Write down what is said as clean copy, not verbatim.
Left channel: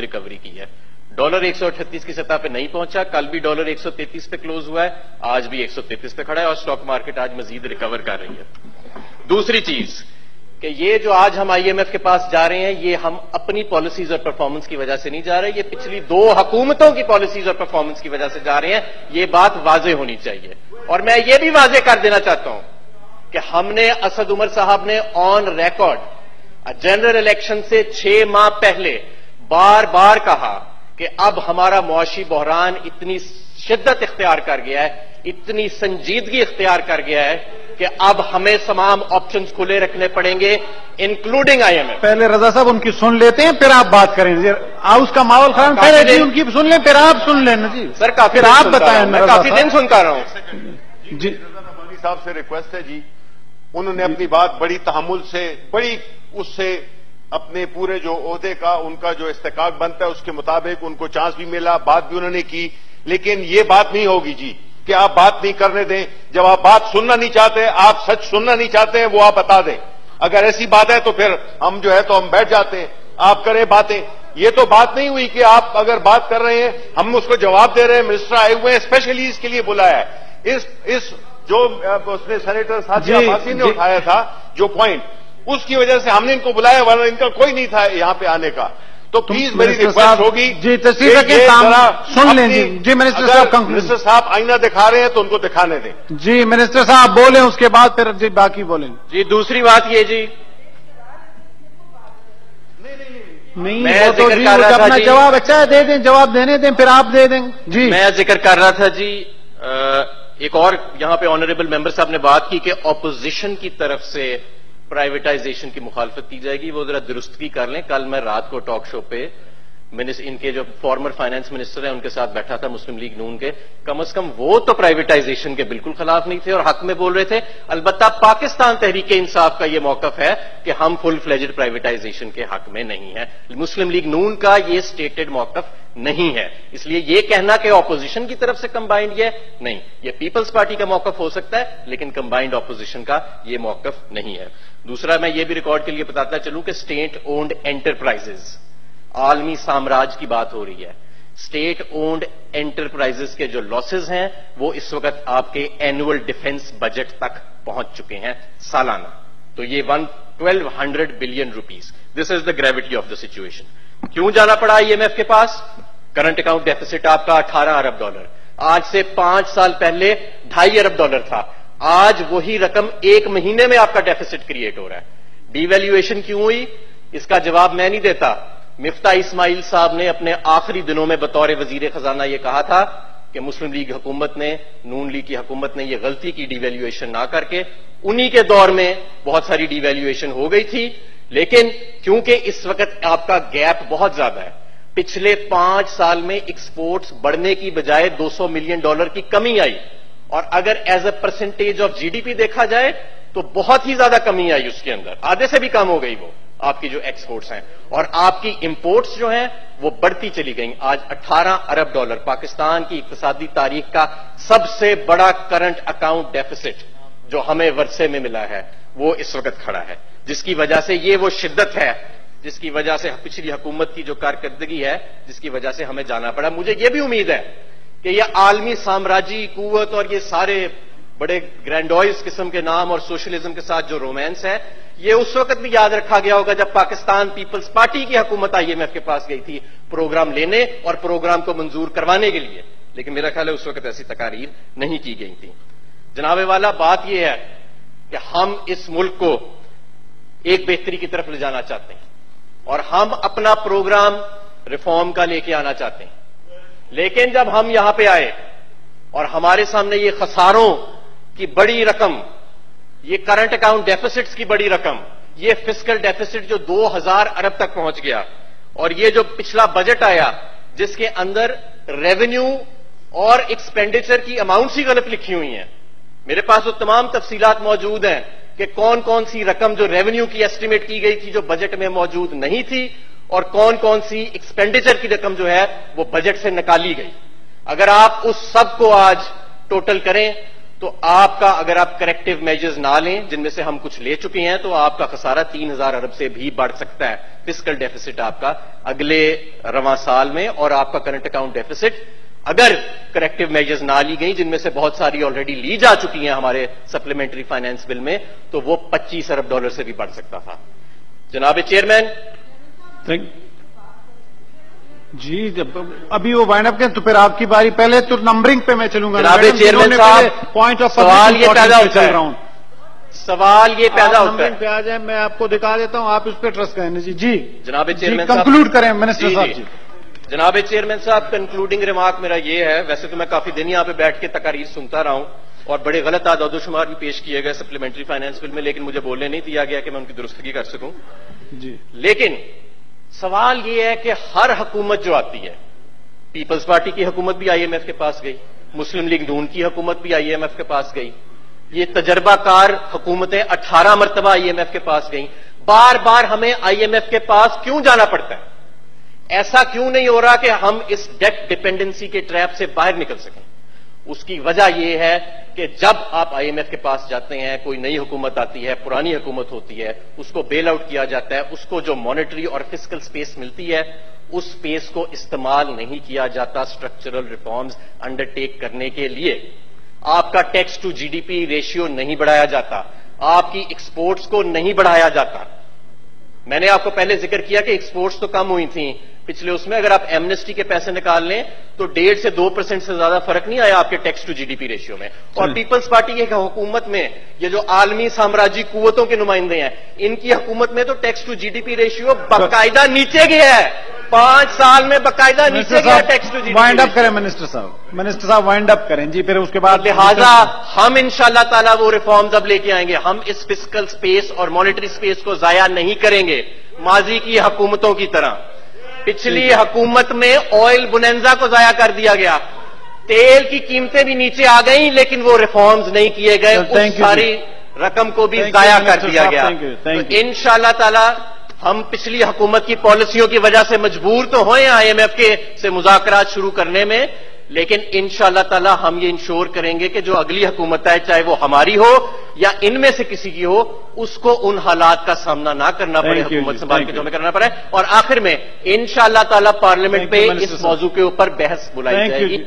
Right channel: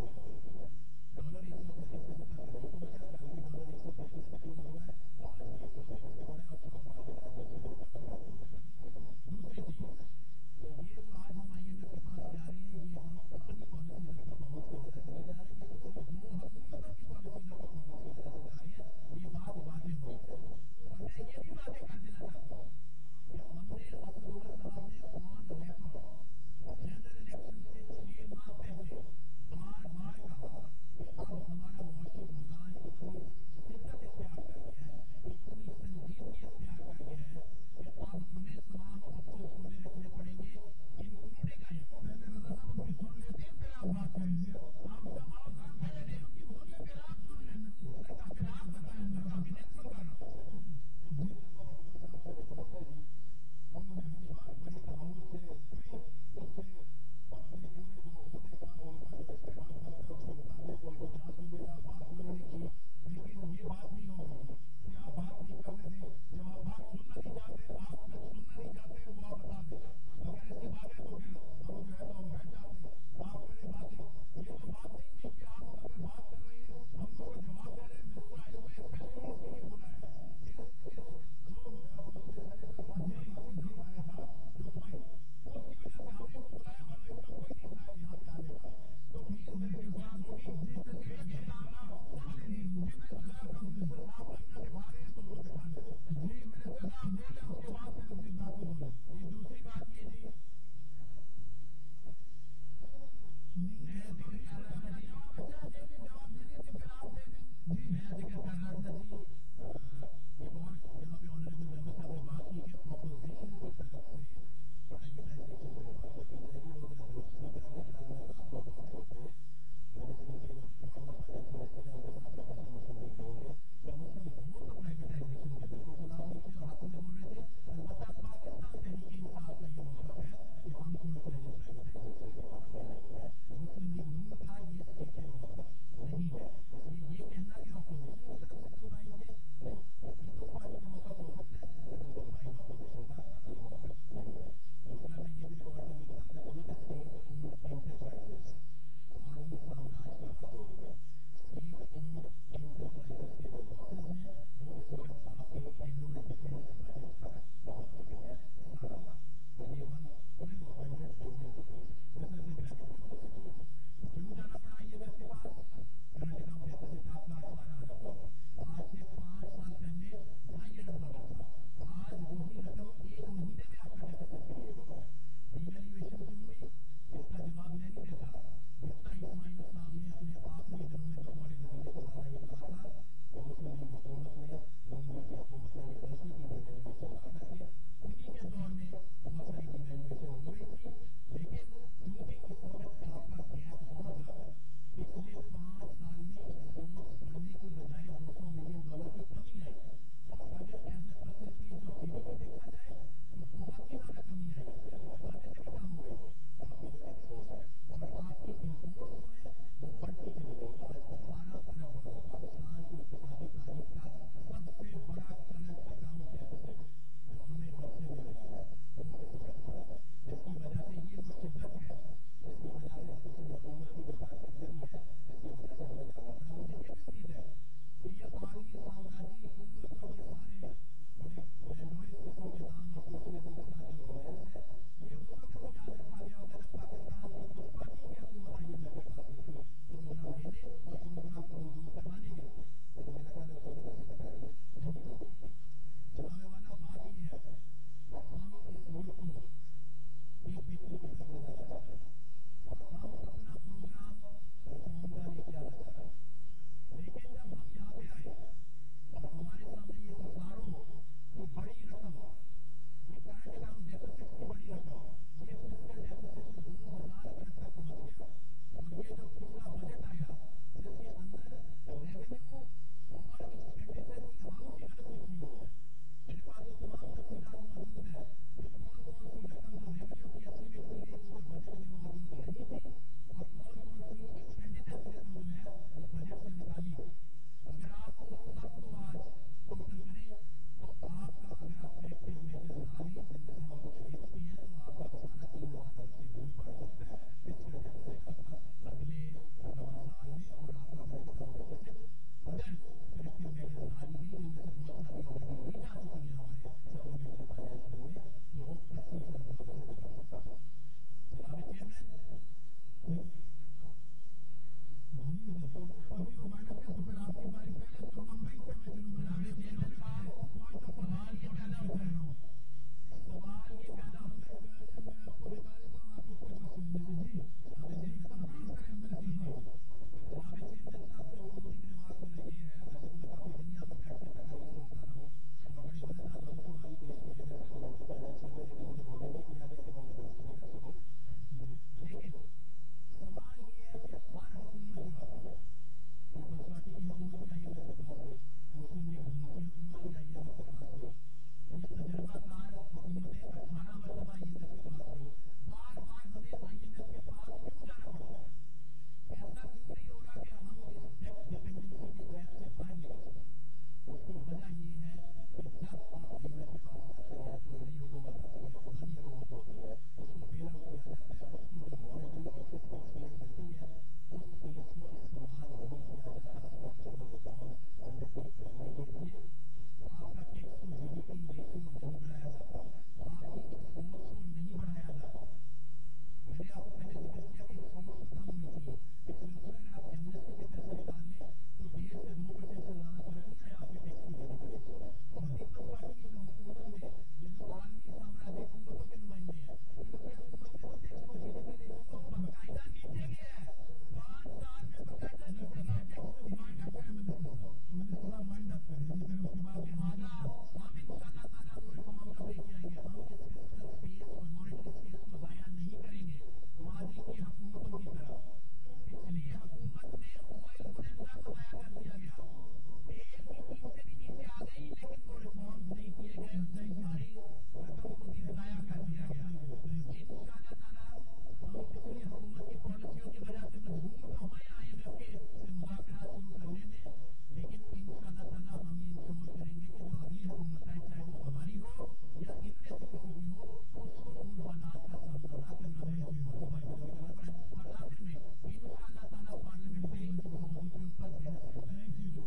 Recovery کی ہے. Dollar 138 کی سطح پہ نہیں پہنچا, کل بھی ڈالر 133 پہ کلوز ہوا ہے, آج بھی 133 پہ کھڑا ہے اور اسٹاک مارکیٹ آج مزید ریکور کر رہی ہے. دوسری چیز کہ یہ جو آج ہم آئی ایم ایف کے پاس جا رہے ہیں, یہ ہم اپنی پالیسیز اور پرفارمنس کی وجہ سے نہیں جا رہے, یہ پچھلی 2 حکومتوں کی پالیسیز اور پرفارمنس کی وجہ سے جا رہے ہیں. یہ بات واضح ہونی چاہیے. اور میں یہ بھی واضح کر دینا چاہتا ہوں کہ ہم نے اسد عمر صاحب نے آن ریکارڈ جنرل الیکشن سے 6 ماہ پہلے بار بار کہا کہ اب ہمارا معاشی بحران اتنی شدت اختیار کر گیا ہے, اتنی سنجیدگی اختیار کر گیا ہے کہ اب ہمیں تمام آپشنز کھلے رکھنے پڑیں گے انکلوڈنگ آئی ایم ایف. پہلے رضا صاحب ان کی سن لیتے ہیں پھر آپ بات کریں. اس کا ماحول خراب ہے جی, ان کی سن لیں پھر آپ سن لیں نا جی. سر کافی پھر آپ بتائیں. میں کافی دن سنتا رہا ہوں جی. رضا ربانی صاحب سے ریکویسٹ ہے جی, انہوں نے اپنی بات بڑی تحمل سے, بڑی اس سے اپنے پورے جو عہدے کا ان کا جو استحقاق بنتا ہے اس کے مطابق ان کو چانس بھی ملا, بات بھی انہوں نے کی. لیکن یہ بات نہیں ہوگی جی کہ آپ بات نہیں کرنے دیں. جب آپ بات سننا نہیں چاہتے, آپ سچ سننا نہیں چاہتے ہیں, وہ آپ بتا دیں. اگر ایسی بات ہے تو پھر ہم جو ہے تو ہم بیٹھ جاتے ہیں, آپ کریں باتیں. یہ تو بات نہیں ہوئی کہ آپ اگر بات کر رہے ہیں ہم اس کو جواب دے رہے ہیں. منسٹر آئے ہوئے ہیں, اسپیشلی اس کے لیے بلایا ہے. اس جو اس نے سینیٹر ساتھی عباسی نے اٹھایا تھا جو پوائنٹ, اس کی وجہ سے ہم نے ان کو بلایا, ورنہ ان کا کوئی نہیں تھا یہاں پہ آنے کا. تو پلیز میری ریکویسٹ ہوگی جی تصویر کے سن لیں. جی منسٹر صاحب, منسٹر صاحب آئینہ دکھا رہے ہیں تو ان کو دکھانے دیں. جی منسٹر صاحب بولیں, اس کے بعد پھر جی باقی بولیں. جی دوسری بات یہ جی, میں ذکر کر رہا تھا جواب اچھا ہے دے دیں, جواب دینے دیں پھر آپ دے دیں. جی میں ذکر کر رہا تھا جی, ایک اور یہاں پہ آنریبل ممبر صاحب نے بات کی کہ اپوزیشن کی طرف سے پرائیویٹائزیشن کی مخالفت کی جائے گی. وہ ذرا درستگی کر لیں. کل میں رات کو ٹاک شو پہ ان کے جو فارمر فائنانس منسٹر ہیں ان کے ساتھ بیٹھا تھا مسلم لیگ نون کے. کم از کم وہ تو پرائیویٹائزیشن کے بالکل خلاف نہیں تھے اور حق میں بول رہے تھے. البتہ پاکستان تحریک انصاف کا یہ موقف ہے کہ ہم فل فلیجڈ پرائیویٹائزیشن کے حق میں نہیں ہیں. مسلم لیگ نون کا یہ سٹیٹڈ موقف نہیں ہے. اس لیے یہ کہنا کہ اپوزیشن کی طرف سے کمبائنڈ یہ نہیں, یہ پیپلز پارٹی کا موقف ہو سکتا ہے لیکن کمبائنڈ اپوزیشن کا یہ موقف نہیں ہے. دوسرا میں یہ بھی ریکارڈ کے لیے بتاتا چلوں کہ اسٹیٹ اونڈ انٹرپرائزز, عالمی سامراج کی بات ہو رہی ہے. اسٹیٹ اونڈ انٹرپرائزز کے جو لاسز ہیں وہ اس وقت آپ کے اینوئل ڈیفنس بجٹ تک پہنچ چکے ہیں سالانہ. تو یہ 1200 billion rupees. This is the gravity of the situation. کیوں جانا پڑا آئی ایم ایف کے پاس؟ کرنٹ اکاؤنٹ ڈیفیسٹ آپ کا 18 ارب ڈالر, آج سے 5 سال پہلے 2.5 ارب ڈالر تھا. آج وہی رقم 1 مہینے میں آپ کا ڈیفیسٹ کریٹ ہو رہا ہے. ڈی ویلیویشن کیوں ہوئی اس کا جواب میں نہیں دیتا. مفتاح اسماعیل صاحب نے اپنے آخری دنوں میں بطور وزیر خزانہ یہ کہا تھا کہ مسلم لیگ حکومت نے, نون لیگ کی حکومت نے یہ غلطی کی ڈی ویلیویشن نہ کر کے. انہی کے دور میں بہت ساری ڈی ویلیویشن ہو گئی تھی, لیکن کیونکہ اس وقت آپ کا گیپ بہت زیادہ ہے, پچھلے 5 سال میں ایکسپورٹس بڑھنے کی بجائے $200 ملین کی کمی آئی, اور اگر as a percentage of G D P دیکھا جائے تو بہت ہی زیادہ کمی آئی اس کے اندر, آدھے سے بھی کم ہو گئی وہ آپ کی جو ایکسپورٹس ہیں. اور آپ کی امپورٹس جو ہیں وہ بڑھتی چلی گئیں. آج 18 ارب ڈالر پاکستان کی اقتصادی تاریخ کا سب سے بڑا کرنٹ اکاؤنٹ ڈیفیسٹ جو ہمیں ورثے میں ملا ہے وہ اس وقت کھڑا ہے, جس کی وجہ سے یہ وہ شدت ہے جس کی وجہ سے پچھلی حکومت کی جو کارکردگی ہے جس کی وجہ سے ہمیں جانا پڑا. مجھے یہ بھی امید ہے کہ یہ عالمی سامراجی قوت اور یہ سارے بڑے گرینڈوائز قسم کے نام اور سوشلزم کے ساتھ جو رومانس ہے یہ اس وقت بھی یاد رکھا گیا ہوگا جب پاکستان پیپلز پارٹی کی حکومت آئی ایم ایف کے پاس گئی تھی پروگرام لینے اور پروگرام کو منظور کروانے کے لیے, لیکن میرا خیال ہے اس وقت ایسی تقاریر نہیں کی گئی تھی. جناب والا بات یہ ہے کہ ہم اس ملک کو ایک بہتری کی طرف لے جانا چاہتے ہیں اور ہم اپنا پروگرام ریفارم کا لے کے آنا چاہتے ہیں. لیکن جب ہم یہاں پہ آئے اور ہمارے سامنے یہ خساروں کی بڑی رقم, یہ کرنٹ اکاؤنٹ ڈیفیسٹس کی بڑی رقم, یہ فسکل ڈیفیسٹ جو 2000 ارب تک پہنچ گیا, اور یہ جو پچھلا بجٹ آیا جس کے اندر ریونیو اور ایکسپینڈیچر کی اماؤنٹس ہی غلط لکھی ہوئی ہیں. میرے پاس وہ تمام تفصیلات موجود ہیں کہ کون کون سی رقم جو ریونیو کی ایسٹیمیٹ کی گئی تھی جو بجٹ میں موجود نہیں تھی, اور کون کون سی ایکسپینڈیچر کی رقم جو ہے وہ بجٹ سے نکالی گئی. اگر آپ اس سب کو آج ٹوٹل کریں تو آپ کا اگر آپ کریکٹیو میجرز نہ لیں جن میں سے ہم کچھ لے چکے ہیں تو آپ کا خسارہ 3000 ارب سے بھی بڑھ سکتا ہے فسکل ڈیفیسٹ آپ کا اگلے رواں سال میں، اور آپ کا کرنٹ اکاؤنٹ ڈیفیسٹ اگر کریکٹیو میجرز نہ لی گئی جن میں سے بہت ساری آلریڈی لی جا چکی ہیں ہمارے سپلیمنٹری فائنانس بل میں، تو وہ 25 ارب ڈالر سے بھی بڑھ سکتا تھا۔ جناب چیئرمین، جی جب ابھی وہ وائنڈ اپ کریں تو پھر آپ کی باری، پہلے تو نمبرنگ پہ میں چلوں گا۔ جناب چیئرمین صاحب، پوائنٹ آف سوال یہ پیدا ہوتا چل ہے، رہا ہوں، سوال یہ پیدا ہوتا نمبرنگ ہے، پہ آ جائیں، میں آپ کو دکھا دیتا ہوں، آپ اس پہ ٹرسٹ کریں۔ جی جناب چیئرمین صاحب کنکلوڈ کریں منسٹر صاحب۔ جی جناب چیئرمین صاحب، کنکلوڈنگ ریمارک میرا یہ ہے، ویسے تو میں کافی دن یہاں پہ بیٹھ کے تقاریر سنتا رہا ہوں اور بڑے غلط اعداد و شمار بھی پیش کیے گئے سپلیمنٹری فائنانس بل میں، لیکن مجھے بولنے نہیں دیا گیا کہ میں ان کی درستگی کر سکوں۔ جی لیکن سوال یہ ہے کہ ہر حکومت جو آتی ہے، پیپلز پارٹی کی حکومت بھی آئی ایم ایف کے پاس گئی، مسلم لیگ نون کی حکومت بھی آئی ایم ایف کے پاس گئی، یہ تجربہ کار حکومتیں 18 مرتبہ آئی ایم ایف کے پاس گئیں، بار بار ہمیں آئی ایم ایف کے پاس کیوں جانا پڑتا ہے؟ ایسا کیوں نہیں ہو رہا کہ ہم اس ڈیٹ ڈپینڈنسی کے ٹریپ سے باہر نکل سکیں؟ اس کی وجہ یہ ہے کہ جب آپ آئی ایم ایف کے پاس جاتے ہیں، کوئی نئی حکومت آتی ہے، پرانی حکومت ہوتی ہے، اس کو بیل آؤٹ کیا جاتا ہے، اس کو جو مانیٹری اور فسکل سپیس ملتی ہے اس سپیس کو استعمال نہیں کیا جاتا اسٹرکچرل ریفارمز انڈر ٹیک کرنے کے لیے۔ آپ کا tax to G D P ratio نہیں بڑھایا جاتا، آپ کی ایکسپورٹس کو نہیں بڑھایا جاتا۔ میں نے آپ کو پہلے ذکر کیا کہ ایکسپورٹس تو کم ہوئی تھیں پچھلے اس میں، اگر آپ ایمنسٹی کے پیسے نکال لیں تو 1.5 سے 2% سے زیادہ فرق نہیں آیا آپ کے tax to G D P ratio میں۔ اور پیپلز پارٹی کی حکومت میں یہ جو عالمی سامراجی قوتوں کے نمائندے ہیں، ان کی حکومت میں تو tax to G D P ratio باقاعدہ نیچے گیا ہے، 5 سال میں باقاعدہ نیچے گیا tax to G D P. Wind up کریں منسٹر صاحب، منسٹر صاحب وائنڈ اپ کریں جی، پھر اس کے بعد لہذا ہم انشاءاللہ تعالیٰ وہ ریفارمز اب لے کے آئیں گے، ہم اس فسکل سپیس اور مانیٹری سپیس کو ضائع نہیں کریں گے ماضی کی حکومتوں کی طرح۔ پچھلی حکومت میں آئل بوننزا کو ضائع کر دیا گیا، تیل کی قیمتیں بھی نیچے آ گئیں لیکن وہ ریفارمز نہیں کیے گئے، اس ساری رقم کو بھی ضائع کر دیا گیا۔ تو انشاءاللہ تعالی ہم پچھلی حکومت کی پالیسیوں کی وجہ سے مجبور تو ہوئے آئی ایم ایف کے سے مذاکرات شروع کرنے میں، لیکن انشاءاللہ تعالی ہم یہ انشور کریں گے کہ جو اگلی حکومت ہے، چاہے وہ ہماری ہو یا ان میں سے کسی کی ہو، اس کو ان حالات کا سامنا نہ کرنا پڑے حکومت سنبھال کے جو ہمیں کرنا پڑے۔ اور آخر میں انشاءاللہ تعالی پارلیمنٹ پہ اس موضوع کے اوپر بحث بلائی جائے گی۔